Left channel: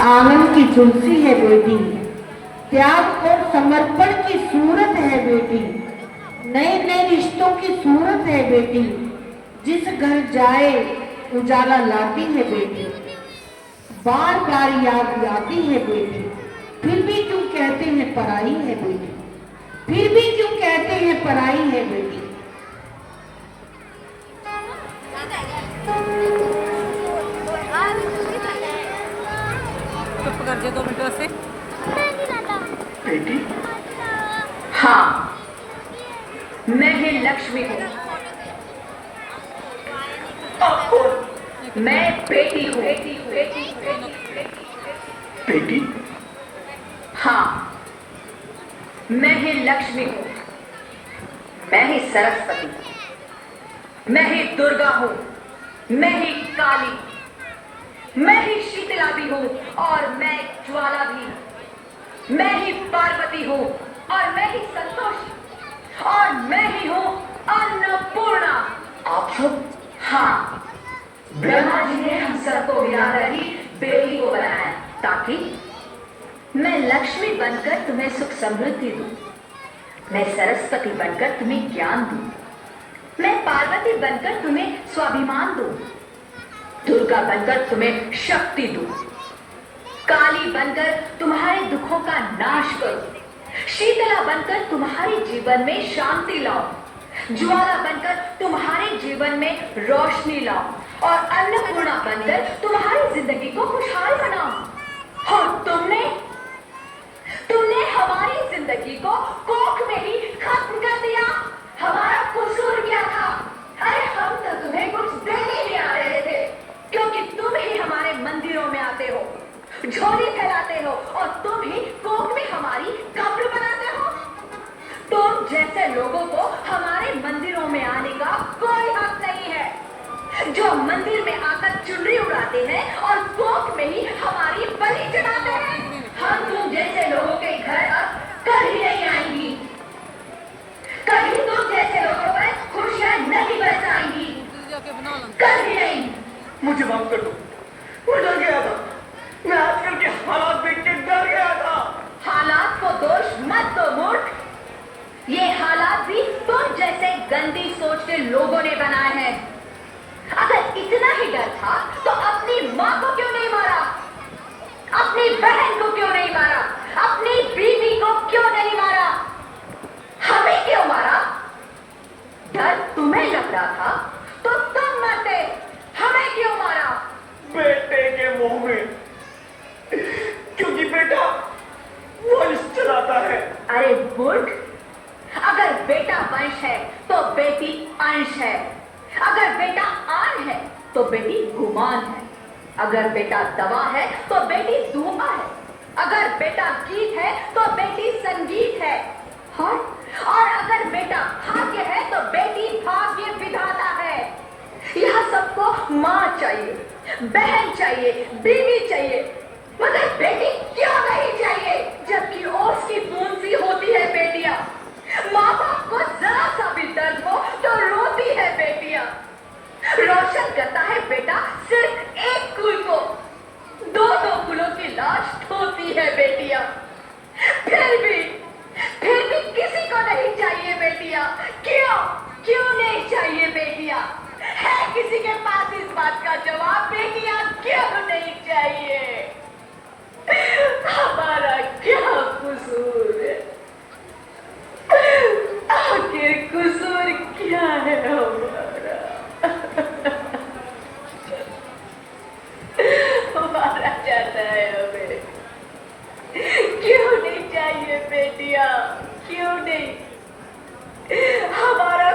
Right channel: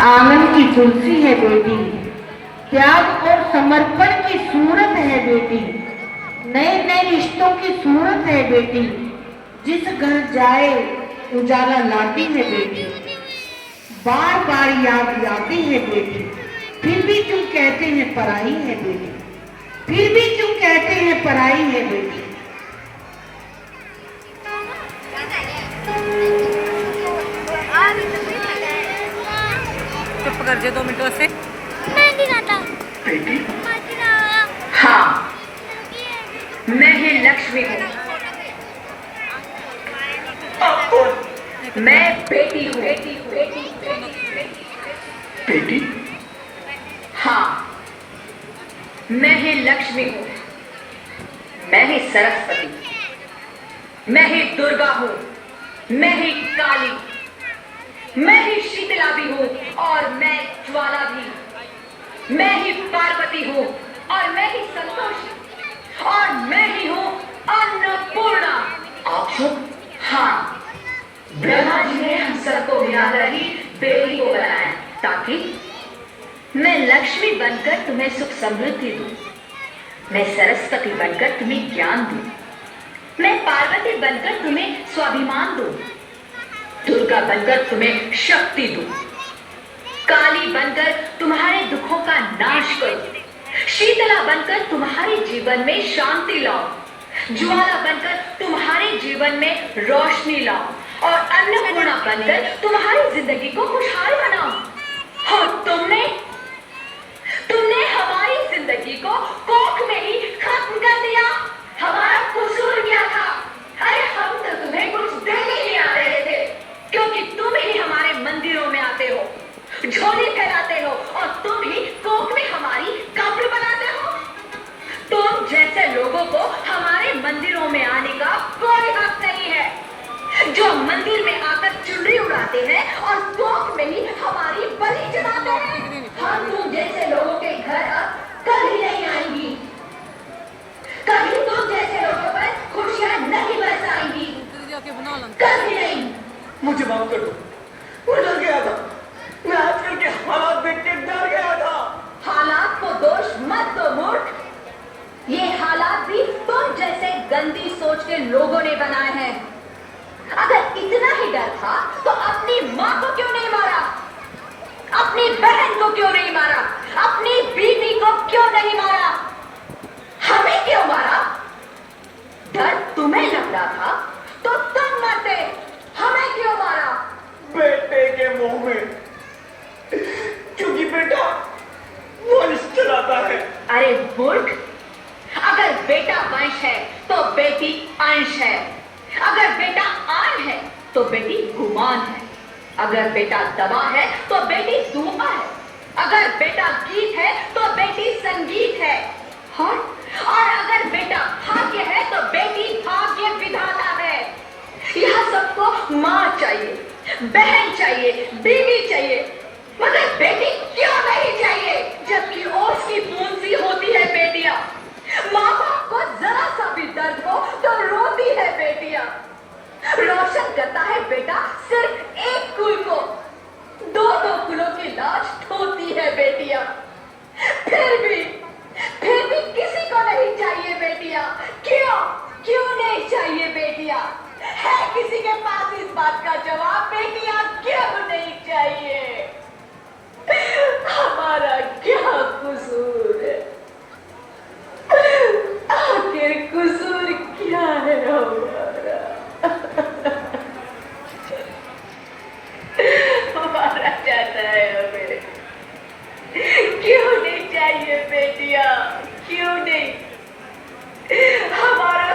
आंगन की तुलसी है बेटी, त्याग और समर्पण की सूरत है बेटी, नए नए रिश्तों की सूरत है बेटी, जिस घर जाए उजाला लाती है बेटी, बार बार याद आती है बेटी, फिर भी क्यों कहते हैं पराई है बेटी, फिर भी क्यों कहते हैं पराई है बेटी। चुप कर जे 2 मिनटों से। बेटी, हाँ, मैं ही लक्ष्मी हूँ। मैं बेटी हूँ। बेटी, हाँ, मैं ही लक्ष्मी हूँ। मैं ही सरस्वती, मैं ही दुर्गा हूँ, मैं ही काली, मैं ही शीतला भी हूँ और मैं ज्वाला भी, मैं ही पार्वती हूँ और मैं ही संतोषी और मैं ही हूँ अन्नपूर्णा। आप सब? हाँ, ब्रह्मा जी ने हम सबको मिलाकर ही बेटी को बनाया ताकि मैं लक्ष्मी बनकर तुम्हें सुख समृद्धि दूं, मैं सरस्वती बनकर तुम्हें ज्ञान दूं, मैं पार्वती बनकर तुम्हें स्वाभिमान दूं, दुर्गा बनकर तुम्हें शक्ति दूं, काली बनकर तुम्हारे दुखों का नाश करूं, शीतला बनकर तुम्हारे जीवन में शांति लाऊं, ज्वाला बनकर तुम्हारे जीवन में रोशनी लाऊं और अन्नपूर्णा बनकर तुम्हारी जिंदगी को खुशहाल बनाऊं। और तुमने हमारी जिंदगी को कोख में ही खत्म कर दिया। हमारा कसूर क्या था? अरे हम तो तुम्हें कुछ देने ही आ रहे थे, क्योंकि तुम ही हमारे मंदिरों में आते हो, झोली फैलाते हो और तुम ही कोख में हमारी कब्र बनाते हो। तुम जैसे लोगों को हमारे मंदिरों में आने का कोई हक नहीं है, जो मंदिर में आकर चुनरी उड़ाते हैं और कोख में ही हमारी बलि चढ़ाते हैं। हम तुम जैसे लोगों के घर अब कभी नहीं आएंगी, कभी तुम जैसे लोगों पर खुशियां नहीं बरसाएंगी, कभी नहीं। मुझे माफ कर दो, वो डर गया था, मैं आजकल के हालात देख के डर गया था। हालात को दोष मत दो मूर्ख, ये हालात भी तुम जैसे गंदी सोच के लोगों ने बनाए हैं। अगर इतना ही डर था तो अपनी माँ को क्यों नहीं मारा, अपनी बहन को क्यों नहीं मारा, अपनी बीवी को क्यों नहीं मारा, हमें क्यों मारा? डर तुम्हें लग रहा था तो तुम मरते, हमें क्यों मारा? बेटे के मुंह में, क्योंकि बेटा वंश चलाता है। अरे मूर्ख, अगर बेटा वंश है तो बेटी अंश है, अगर बेटा आन है तो बेटी गुमान है, अगर बेटा दवा है तो बेटी दुआ है, अगर बेटा गीत है तो बेटी संगीत है, और अगर बेटा भाग्य है तो बेटी भाग्य विधाता है। यह सबको माँ चाहिए, बहन चाहिए, बीवी चाहिए, मगर बेटी क्यों नहीं चाहिए? जबकि ओस की बूंद सी होती है बेटियां, माँ बाप को जरा सा भी दर्द हो तो रोती है बेटियां। रोशन करता है बेटा सिर्फ एक कुल को, दो दो कुलों की लाज ढोती है बेटियां। फिर भी किसी को नहीं चाहिए बेटियां। क्यों नहीं चाहिए बेटियां? है किसी के पास इस बात का जवाब? बेटियां क्यों नहीं चाहिए? हमारा क्या कसूर है? आखिर कसूर क्या है हमारा? हमारा जाता है हमें। क्यों नहीं चाहिए बेटियां? क्यों नहीं? हमारा